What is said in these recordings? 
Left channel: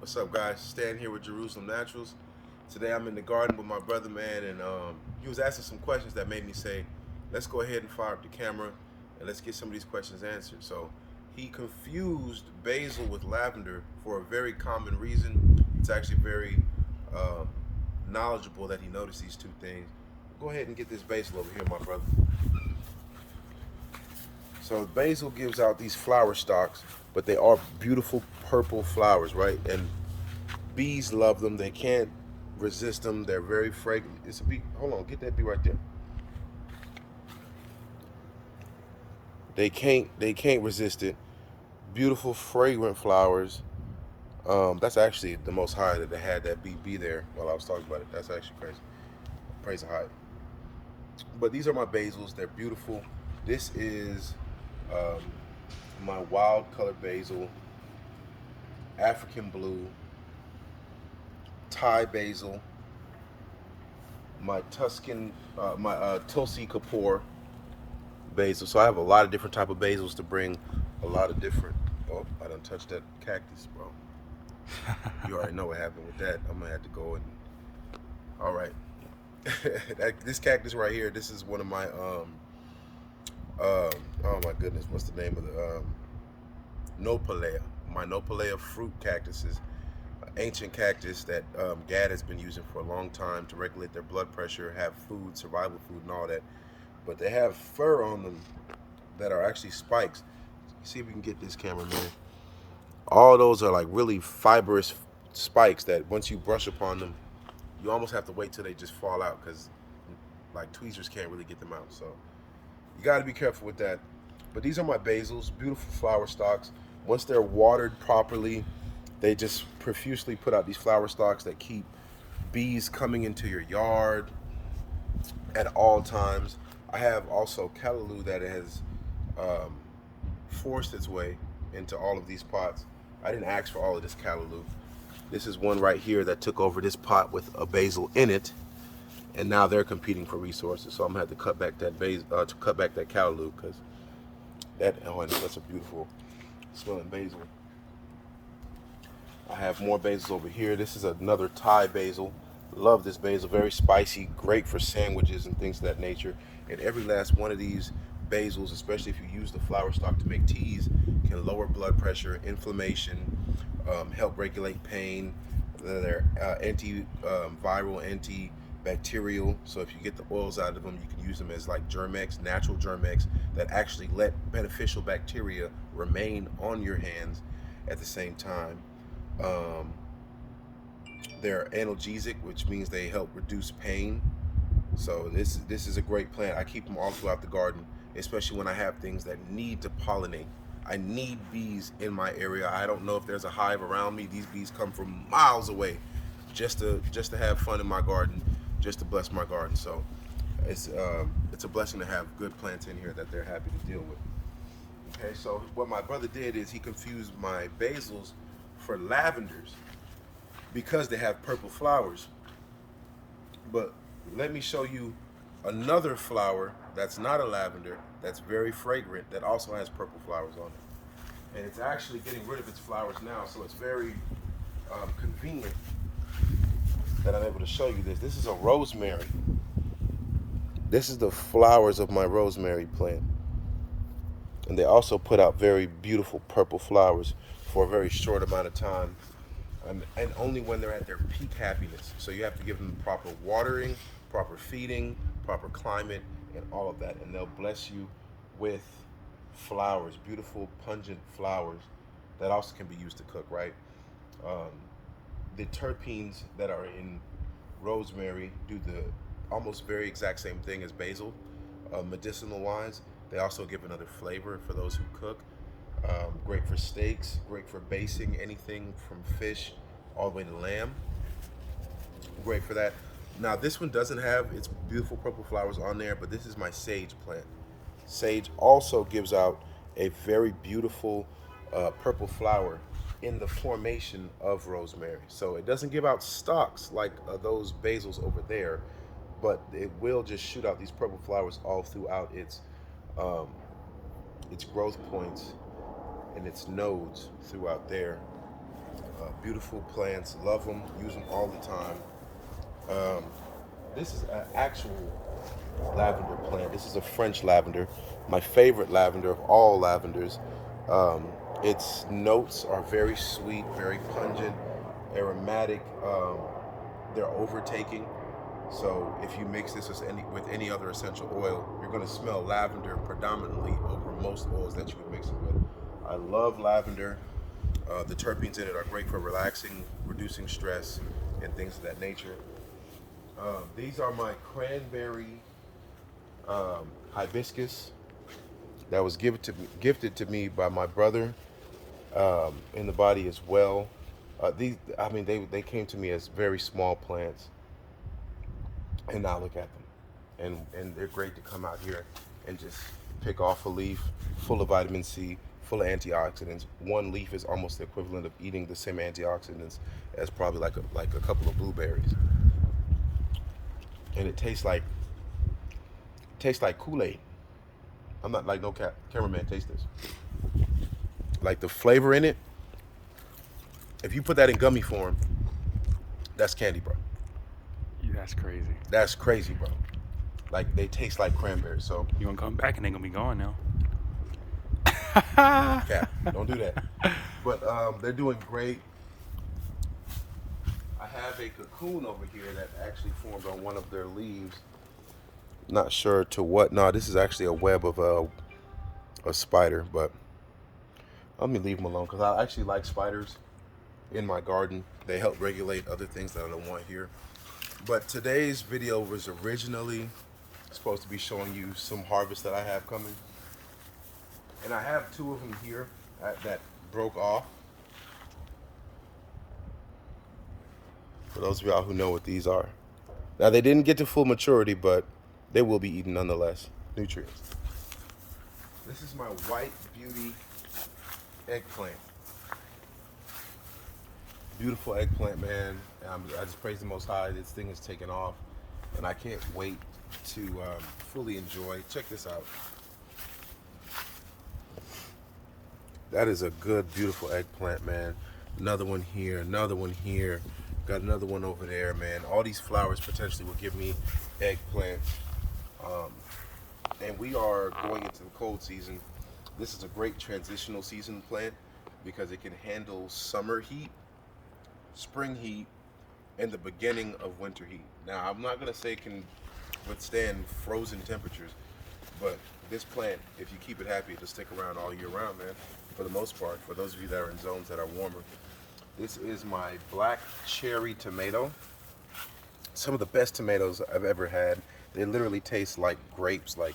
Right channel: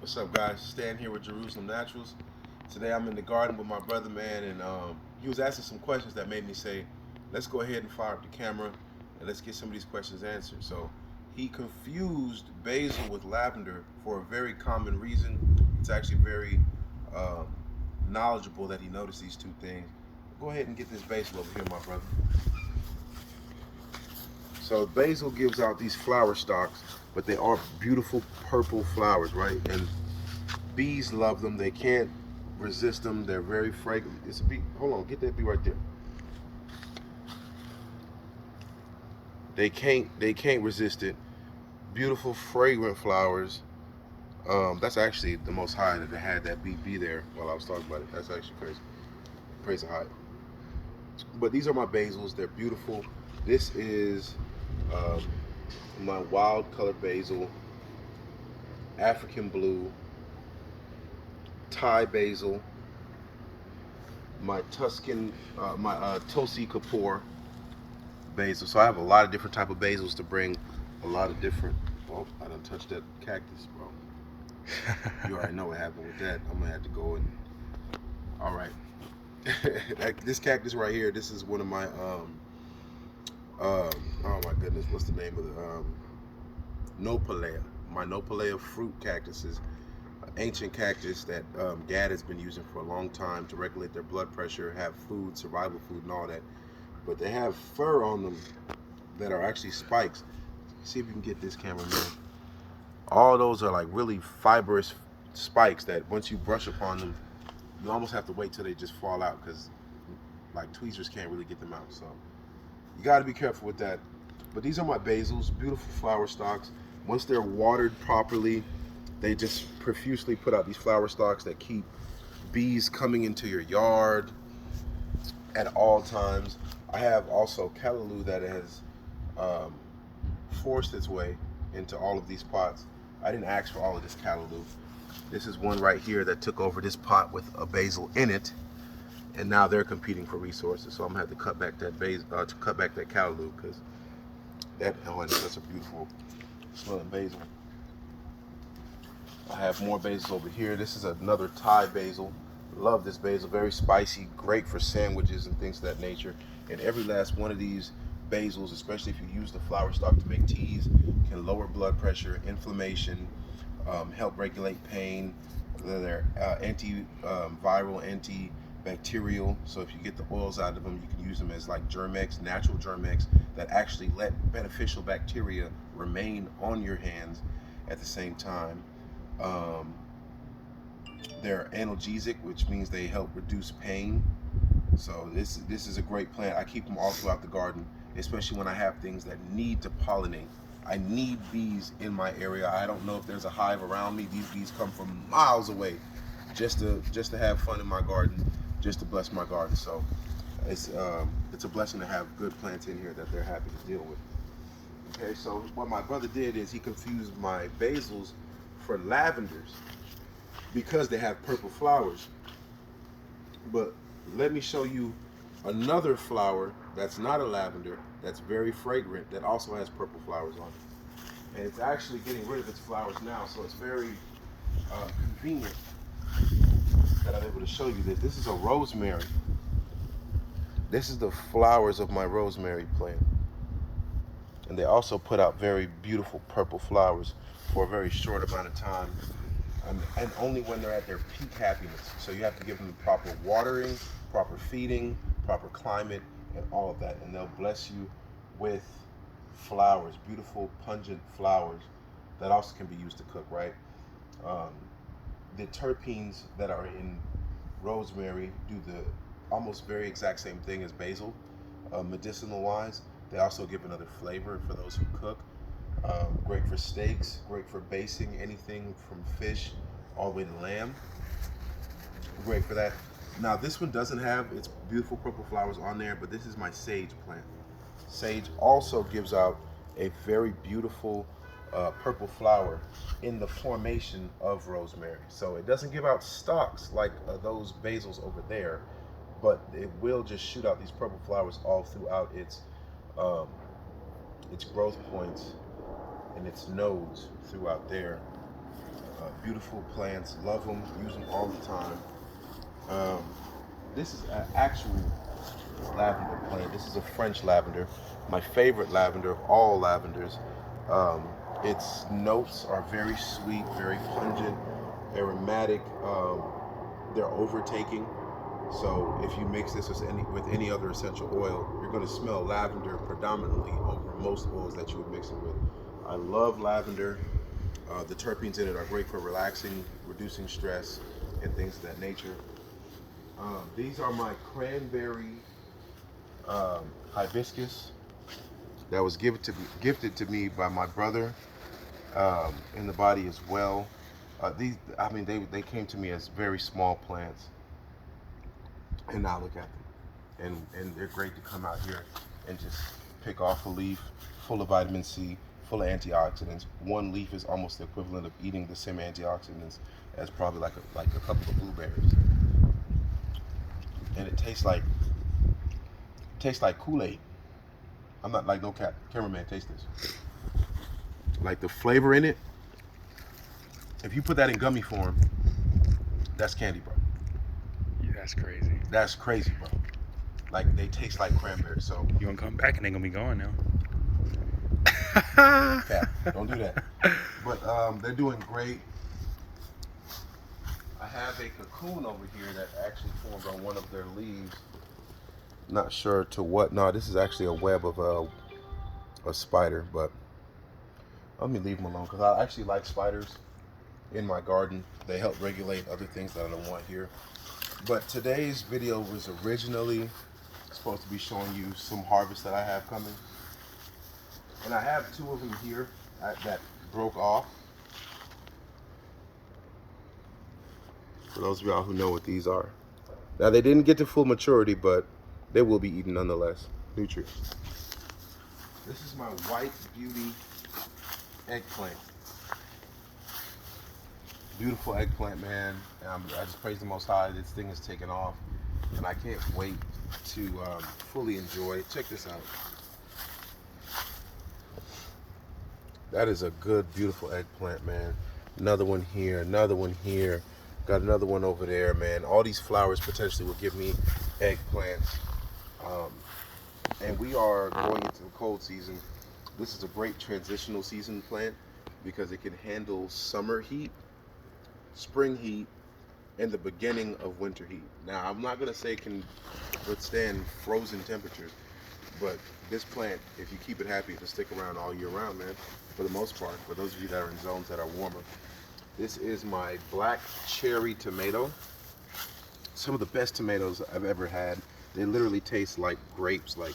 What's up, guys? Stan here with Jerusalem Naturals. Today I'm in the garden with my brother, man, and he was asking some questions that made me say, let's go ahead and fire up the camera and let's get some of these questions answered. So he confused basil with lavender for a very common reason. It's actually very um, knowledgeable that he noticed these two things. Go ahead and get this basil over here, my brother. So basil gives out these flower stalks, but they are beautiful purple flowers, right? And bees love them. They can't resist them. They're very fragrant. It's a bee. Hold on, get that bee right there. They can't resist it. Beautiful fragrant flowers. That's actually the most high that they had that bee be there while I was talking about it. That's actually crazy. Praise the high. But these are my basils. They're beautiful. This is um, my wild color basil, African blue, Thai basil, my Tuscan, my Tosi Kapoor basil. So I have a lot of different type of basils to bring a lot of different. Oh, I done touched that cactus, bro. You already know what happened with that. I'm gonna have to go and. All right, this cactus right here. This is one of my oh my goodness, what's the name of the Nopalea? My Nopalea fruit cactuses, ancient cactus that Gad has been using for a long time to regulate their blood pressure, have food, survival food, and all that. But they have fur on them that are actually spikes. See if we can get this camera, man. All those are like really fibrous spikes that once you brush upon them, you almost have to wait till they just fall out because like tweezers can't really get them out. So you got to be careful with that. But these are my basils, beautiful flower stalks. Once they're watered properly, they just profusely put out these flower stalks that keep bees coming into your yard at all times. I have also callaloo that has um, forced its way into all of these pots. I didn't ask for all of this callaloo. This is one right here that took over this pot with a basil in it, and now they're competing for resources. So I'm gonna have to cut back that to cut back that callaloo because that that's a beautiful smelling basil. I have more basils over here. This is another Thai basil. Love this basil. Very spicy, great for sandwiches and things of that nature. And every last one of these basils, especially if you use the flower stalk to make teas, can lower blood pressure, inflammation, help regulate pain. They're antiviral, antibacterial. So if you get the oils out of them, you can use them as like Germex, natural Germex that actually let beneficial bacteria remain on your hands at the same time. Um, they're analgesic, which means they help reduce pain. So this is a great plant. I keep them all throughout the garden, especially when I have things that need to pollinate. I need bees in my area. I don't know if there's a hive around me. These bees come from miles away, just to have fun in my garden, just to bless my garden. So it's a blessing to have good plants in here that they're happy to deal with. Okay, so what my brother did is he confused my basils for lavenders because they have purple flowers. But let me show you another flower that's not a lavender, that's very fragrant, that also has purple flowers on it. And it's actually getting rid of its flowers now, so it's very convenient that I'm able to show you this. This is a rosemary. This is the flowers of my rosemary plant. And they also put out very beautiful purple flowers for a very short amount of time, and only when they're at their peak happiness. So you have to give them proper watering, proper feeding, proper climate, and all of that, and they'll bless you with flowers, beautiful, pungent flowers that also can be used to cook, right? Um, the terpenes that are in rosemary do the almost very exact same thing as basil, medicinal wise. They also give another flavor for those who cook. Great for steaks, great for basting anything from fish all the way to lamb. Great for that. Now this one doesn't have its beautiful purple flowers on there, but this is my sage plant. Sage also gives out a very beautiful purple flower in the formation of rosemary. So it doesn't give out stalks like those basils over there, but it will just shoot out these purple flowers all throughout um, its growth points and its nodes throughout there. Beautiful plants, love them, use them all the time. This is an actual lavender plant. This is a French lavender, my favorite lavender of all lavenders. Um, its notes are very sweet, very pungent, aromatic. They're overtaking. So if you mix this with any other essential oil, you're going to smell lavender predominantly over most oils that you would mix it with. I love lavender. The terpenes in it are great for relaxing, reducing stress, and things of that nature. These are my cranberry hibiscus that was gifted to me by my brother in the body as well. They came to me as very small plants, and now look at them, and they're great to come out here and just pick off a leaf full of vitamin C, full of antioxidants. One leaf is almost the equivalent of eating the same antioxidants as probably like a couple of blueberries, and it tastes like Kool-Aid. I'm not like no cap. Cameraman, taste this. Like the flavor in it. If you put that in gummy form, that's candy, bro. That's crazy. That's crazy, bro. Like they taste like cranberries. So You gonna come back and they gonna be gone now. cap, don't do that. But they're doing great. I have a cocoon over here that actually formed on one of their leaves. Not sure to what. No, this is actually a web of a spider, but let me leave them alone because I actually like spiders in my garden. They help regulate other things that I don't want here. But today's video was originally supposed to be showing you some harvest that I have coming. And I have two of them here that broke off. For those of y'all who know what these are. Now they didn't get to full maturity, but they will be eaten nonetheless. Nutrients. This is my white beauty eggplant. Beautiful eggplant, man. I just praise the Most High. This thing has taken off, and I can't wait to fully enjoy it. Check this out. That is a good, beautiful eggplant, man. Another one here, another one here. Got another one over there, man. All these flowers potentially will give me eggplant. And we are going into the cold season. This is a great transitional season plant because it can handle summer heat, spring heat, and the beginning of winter heat. Now, I'm not gonna say it can withstand frozen temperatures, but this plant, if you keep it happy, it'll stick around all year round, man, for the most part, for those of you that are in zones that are warmer. This is my black cherry tomato. Some of the best tomatoes I've ever had. They literally taste like grapes, like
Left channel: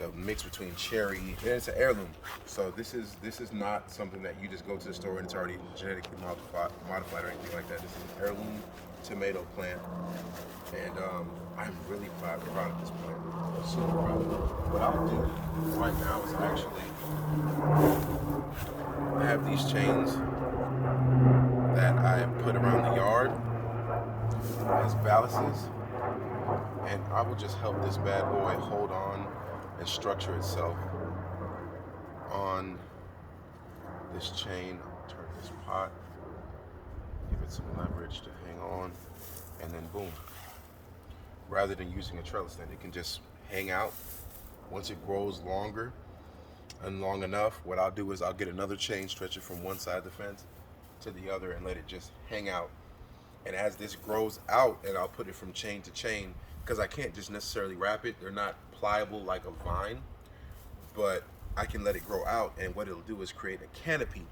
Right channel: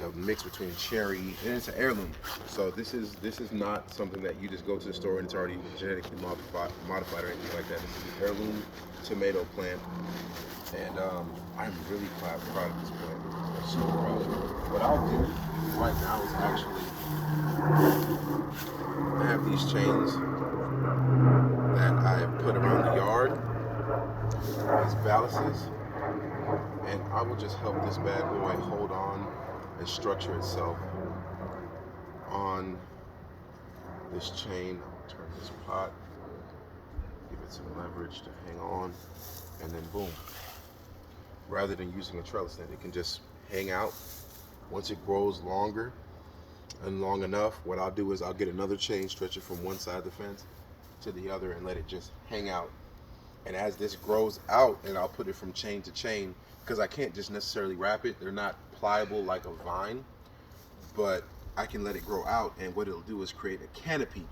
a mix between cherry, and it's an heirloom. So this is not something that you just go to the store and it's already genetically modified or anything like that. This is an heirloom tomato plant, and I'm really proud of this plant. I'm super proud. What I'll do right now is actually have these chains that I put around the yard, these balances, and I will just help this bad boy hold on and structure itself on this chain. I'll turn this pot, give it some leverage to hang on, and then boom. Rather than using a trellis net, it can just hang out. Once it grows longer and long enough, what I'll do is I'll get another chain stretcher from one side of the fence to the other and let it just hang out. And as this grows out, and I'll put it from chain to chain, because I can't just necessarily wrap it. They're not pliable like a vine, but I can let it grow out, and what it'll do is create a canopy,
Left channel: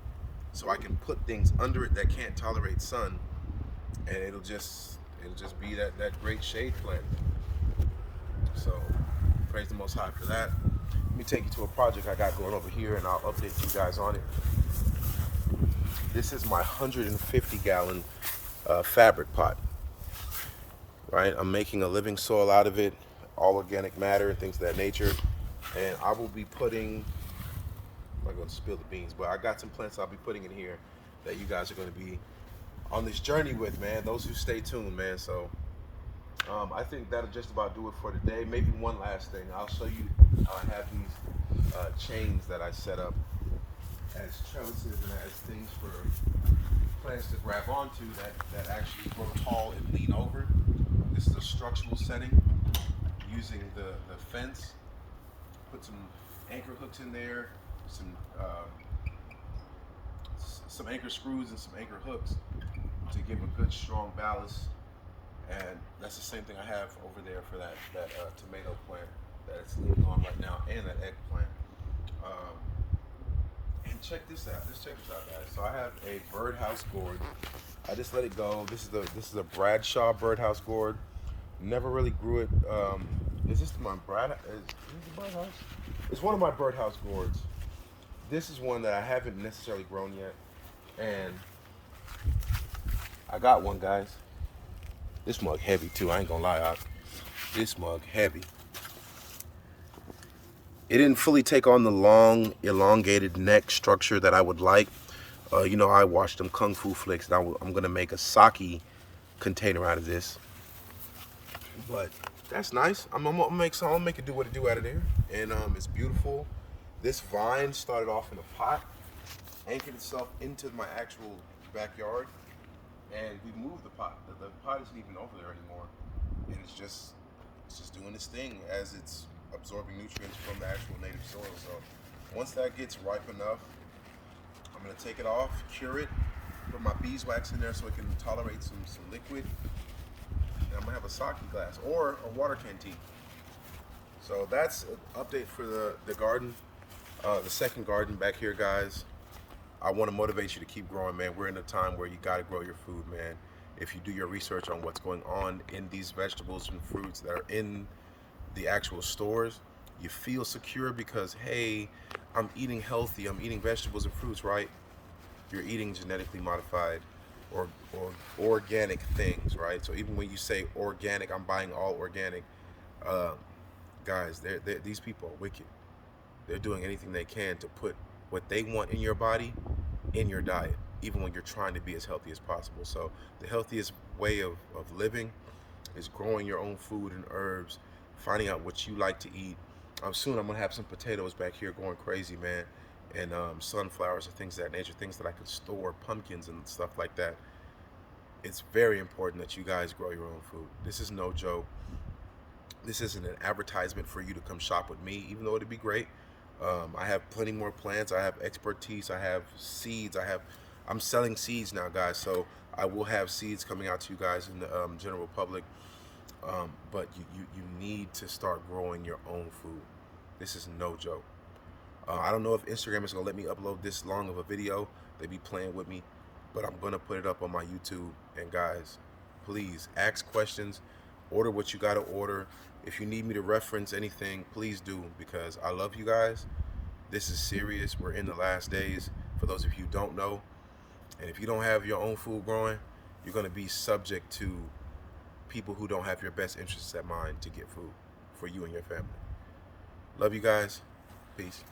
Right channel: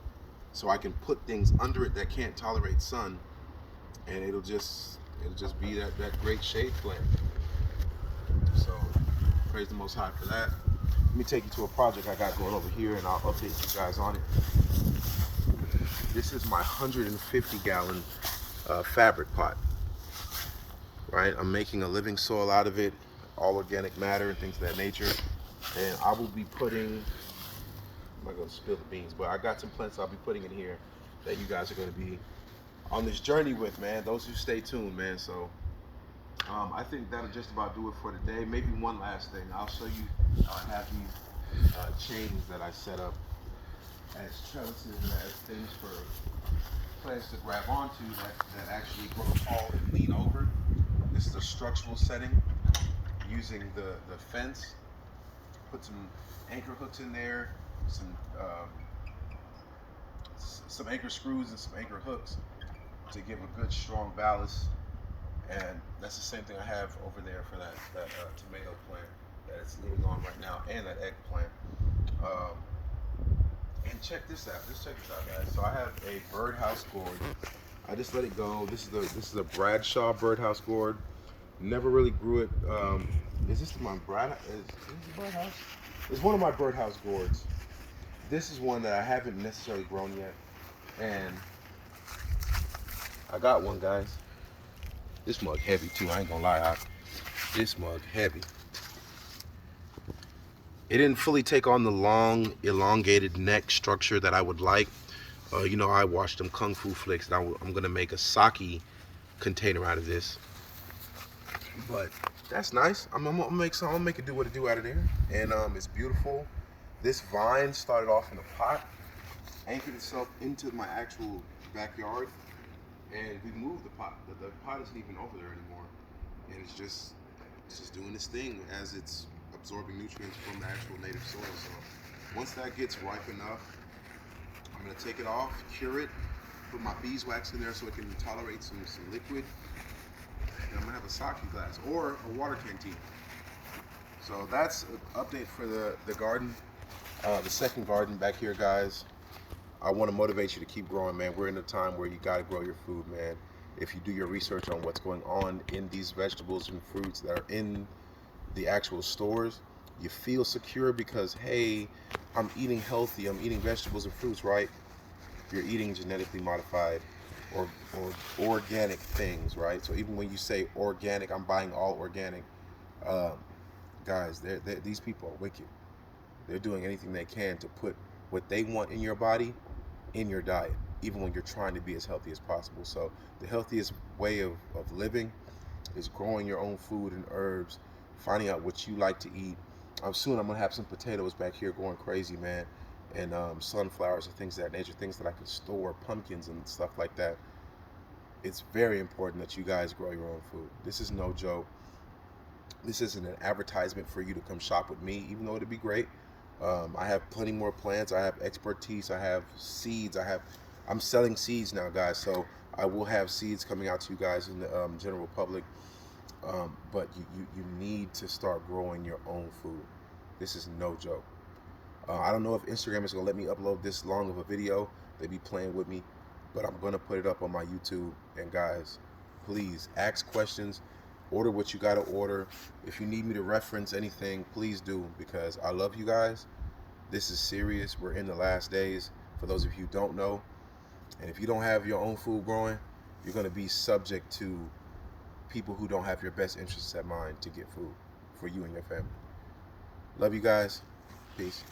so I can put things under it that can't tolerate sun, and it'll just be that great shade plant. So praise the Most High for that. Let me take you to a project I got going over here, and I'll update you guys on it. This is my 150-gallon fabric pot. Right, I'm making a living soil out of it, all organic matter and things of that nature. And I will be putting, I'm not gonna spill the beans, but I got some plants I'll be putting in here that you guys are gonna be on this journey with, man. Those who stay tuned, man. So I think that'll just about do it for today. Maybe one last thing. I'll show you, have these chains that I set up as trellises and as things for plants to grab onto that actually grow tall and lean over. This is a structural setting using the fence. Put some anchor hooks in there, some anchor screws and some anchor hooks to give a good strong ballast. And that's the same thing I have over there for that tomato plant that it's leaning on right now, and that eggplant. And check this out. Let's check this out, guys. So I have a birdhouse gourd. I just let it go. This is a Bradshaw birdhouse gourd. Never really grew it. Is this my birdhouse? It's one of my birdhouse gourds. This is one that I haven't necessarily grown yet, and I got one, guys. This mug heavy too. I ain't gonna lie, this mug heavy. It didn't fully take on the long, elongated neck structure that I would like. You know, I watched them Kung Fu flicks, and I'm gonna make a sake container out of this. But that's nice. I'm gonna make it do what it do out of there, and it's beautiful. This vine started off in a pot, anchored itself into my actual backyard, and we moved the pot. The pot isn't even over there anymore, and it's just doing its thing as it's absorbing nutrients from the actual native soil. So once that gets ripe enough, I'm gonna take it off, cure it, put my beeswax in there so it can tolerate some liquid, and I'm gonna have a sake glass or a water canteen. So that's an update for the garden, the second garden back here, guys. I want to motivate you to keep growing, man. We're in a time where you got to grow your food, man. If you do your research on what's going on in these vegetables and fruits that are in the actual stores, you feel secure because, hey, I'm eating healthy, I'm eating vegetables and fruits, right? You're eating genetically modified or organic things, right? So even when you say organic, I'm buying all organic. Guys, these people are wicked. They're doing anything they can to put what they want in your body in your diet, even when you're trying to be as healthy as possible. So the healthiest way of living is growing your own food and herbs, finding out what you like to eat. Soon I'm gonna have some potatoes back here going crazy, man, and sunflowers and things of that nature, things that I could store, pumpkins and stuff like that. It's very important that you guys grow your own food. This is no joke. This isn't an advertisement for you to come shop with me, even though it'd be great. I have plenty more plants. I have expertise. I have seeds. I'm selling seeds now, guys. So I will have seeds coming out to you guys in the general public. But you need to start growing your own food. This is no joke. I don't know if Instagram is gonna let me upload this long of a video. They be playing with me, but I'm gonna put it up on my YouTube. And guys, please ask questions. Order what you gotta order. If you need me to reference anything, please do, because I love you guys. This is serious. We're in the last days, for those of you who don't know. And if you don't have your own food growing, you're gonna be subject to people who don't have your best interests at mind to get food for you and your family. Love you guys. Peace.